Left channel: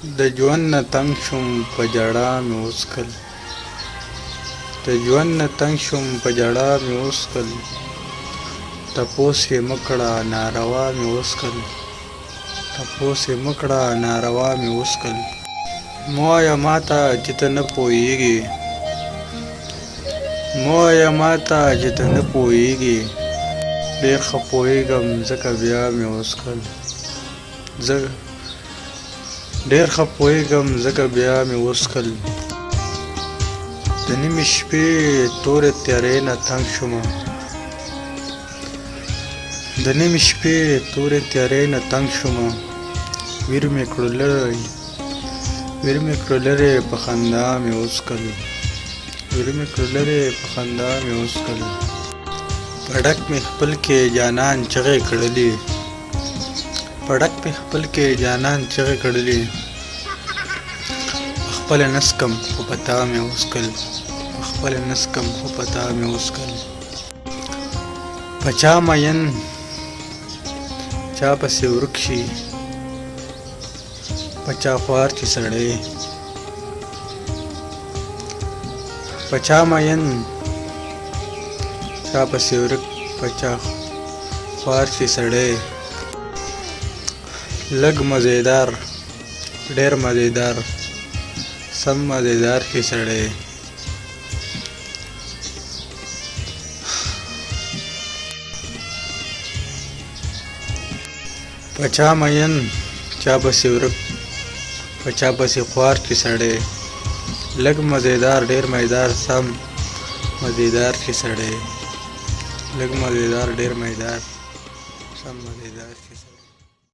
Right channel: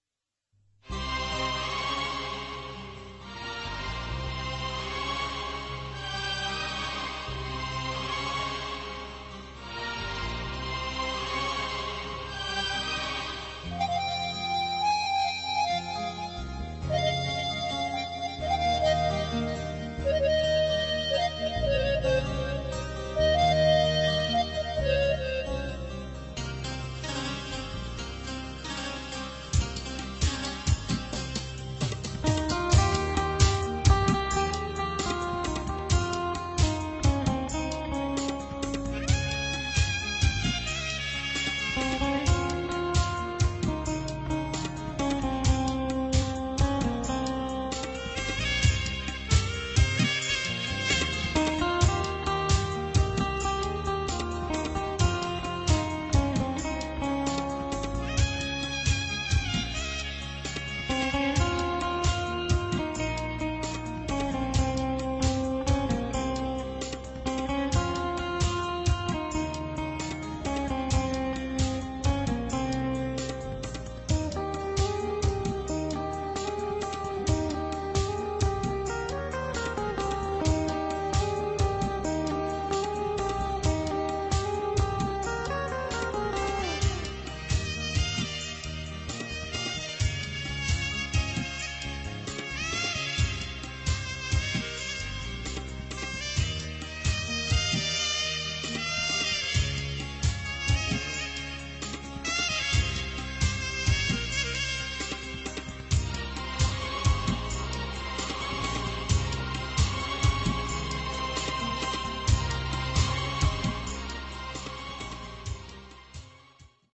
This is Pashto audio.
د ژوند نه تنګ شوم په ژړا مې وڅښل د ژوند نه تنګ شوم په ژړا مې وڅښل تپوس یې مه کړه ناروا مې وڅښل تپوس یې مه کړه ناروا مې وڅښل مه وایه ماته چې ته نه پوهېږې مه وایه ماته چې ته نه پوهېږې ډېر ښه پوهېږم ځکه بیا مې وڅښل ډېر ښه پوهېږم ځکه بیا مې وڅښل د نیمې شپې تورې تیارې نه تنګ شومه د نیمې شپې تورې تیارې نه تنګ شومه ویر مې کړو لرې په خندا مې وڅښل ویر مې کړو لرې په خندا مې وڅښل په ډک مې خپل کې جانان چغې کړلې په ډک مې خپل کې جانان چغې کړلې خپله نسکم خو په تا مې وڅښل خپله نسکم خو په تا مې وڅښل په چا مین چا پسې ورک شي په چا خوار چې سړی په چا مین چا پسې ورک په چا خوار چې سړی لږ مزیدار ډېر مزیدار سم مزیدار چې سړی په چا مین چا پسې ورک په چا پسې خوار چې سړی لږ مزیدار ډېر مزیدار سم مزیدار چې سړی لږ مزیدار ډېر مزیدار